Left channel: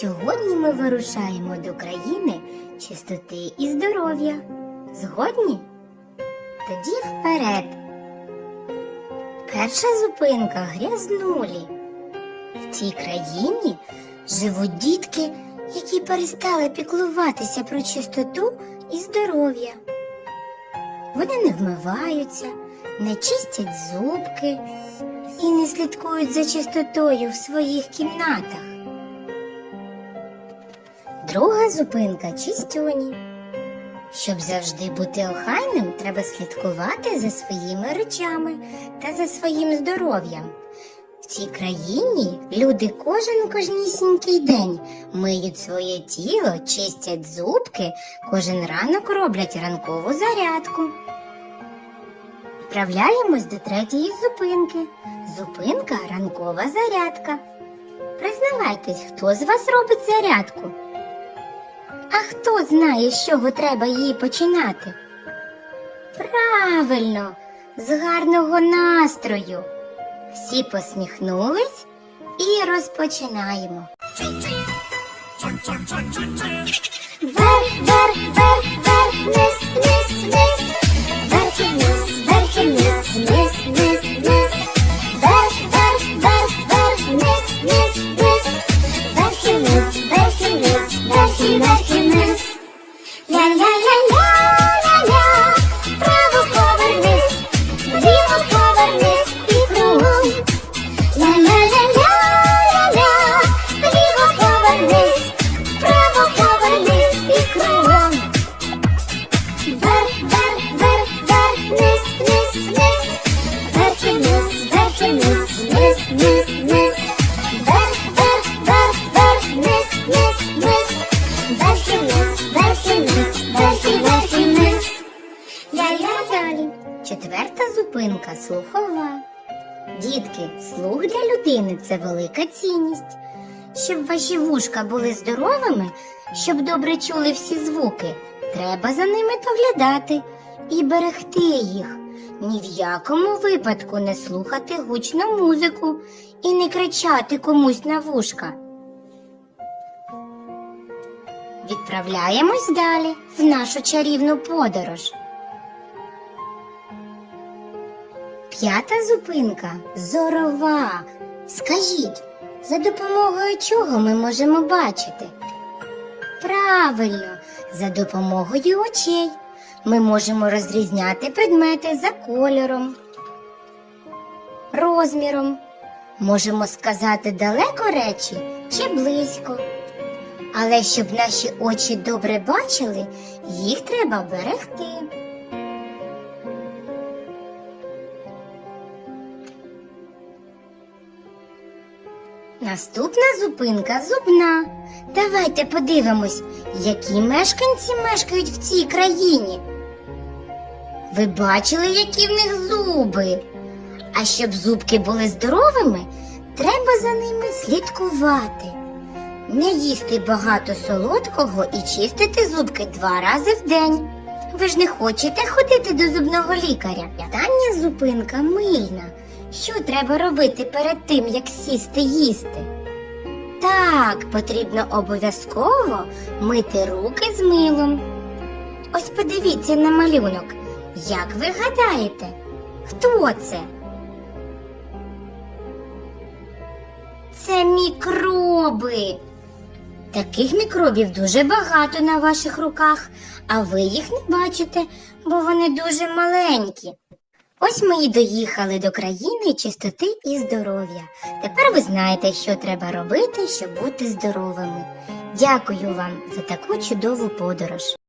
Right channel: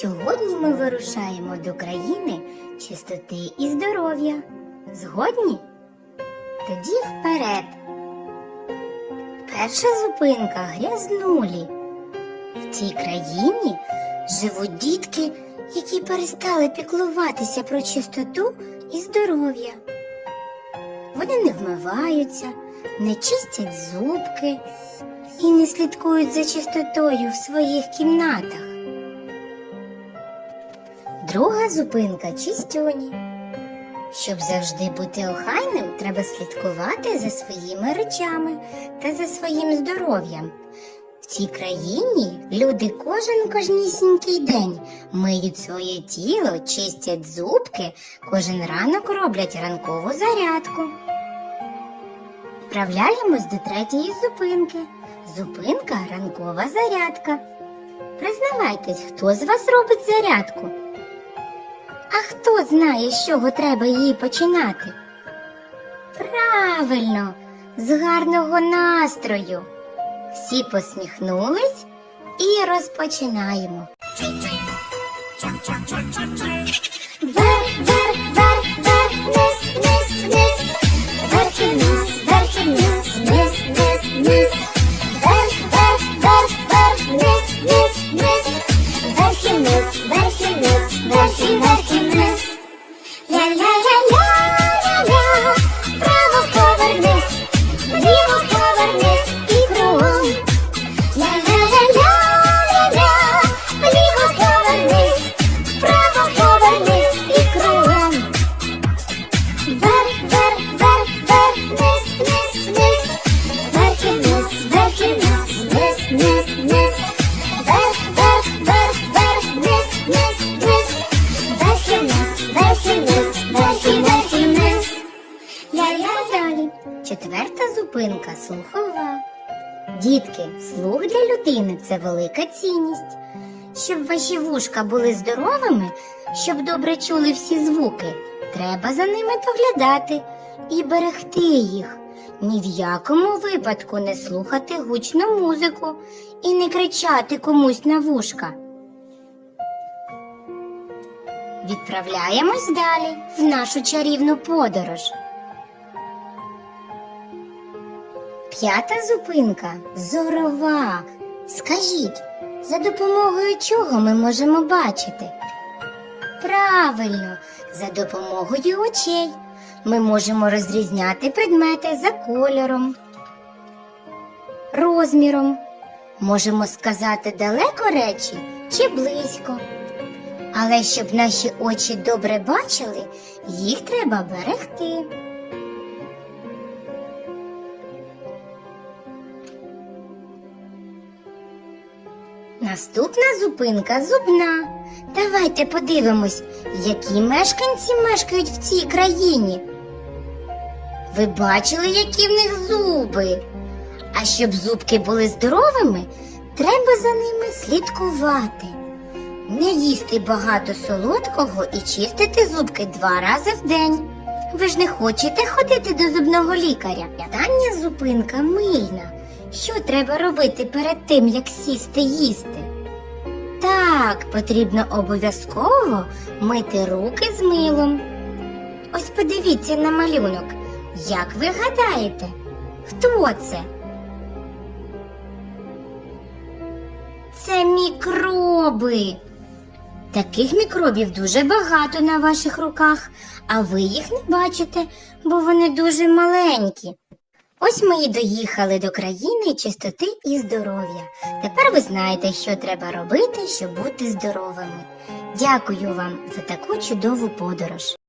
Сьогодні ми вирушаємо до країни чистоти і здоров'я. Згодні? Тоді вперед. Перша зупинка грязнулі. В цій країні живуть дітки, які перестали піклуватися про чистоту і здоров'я. Вони не вмиваються, не чистять зубки і не слідкують за чистотою в своїх кімнатах. Друга зупинка чистюні. Щоб завжди бути охайним, треба слідкувати за своїми речами та за своїм здоров'ям. В цій країні люди кожен кожнісінький день миють своє тіло, чистять зубки, кожен ранок роблять ранкову зарядку. Вправляємось до третьої зупинки. Зупинка ранкова зарядка. Признавайтесь, хто з вас робить зарядку? А хто знає, з чого треба її починати? Правильно, з гарного настрою. Всі посміхнулись і розпочинаємо. Вверх, вверх, вверх, вверх, вниз, вниз, вниз. Вверх і вниз, вверх і вниз, вниз, вниз, вниз. Вверх, вверх, вверх, вверх, вниз, вниз, вниз. Вверх Четверта зупинка слухова. Дітки, слух для людини це велика цінність. Щоб ваші вушка були здоровими, щоб добре чули всі звуки, треба за ними доглядати і берегти їх. Ні в якому випадку не слухати гучну музику і не кричати комусь на вушка. Відправляємось далі в нашу чарівну подорож. П'ята зупинка зорова. Скажіть, за допомогою чого ми можемо бачити? Правильно, за допомогою очей ми можемо розрізняти предмети за кольором, розміром. Можемо сказати далеко речі чи близько. Але щоб наші очі добре бачили, їх треба берегти. Наступна зупинка зубна. Давайте подивимось, які мешканці мешкають в цій країні. Ви бачили, які в них зуби? А щоб зубки були здоровими, треба за ними слідкувати. Не їсти багато солодкого і чистити зубки два рази в день. Ви ж не хочете ходити до зубного лікаря. Остання зупинка мильна. Що треба робити перед тим, як сісти їсти? Так, потрібно обов'язково мити руки з милом. Ось подивіться на малюнок. Як ви гадаєте, хто це? Це мікроби. Таких мікробів дуже багато на ваших руках, а ви їх не бачите, бо вони дуже маленькі. Ось ми і доїхали до країни чистоти і здоров'я. Тепер ви знаєте, що треба робити, щоб бути здоровими. Дякую вам за таку чудову подорож.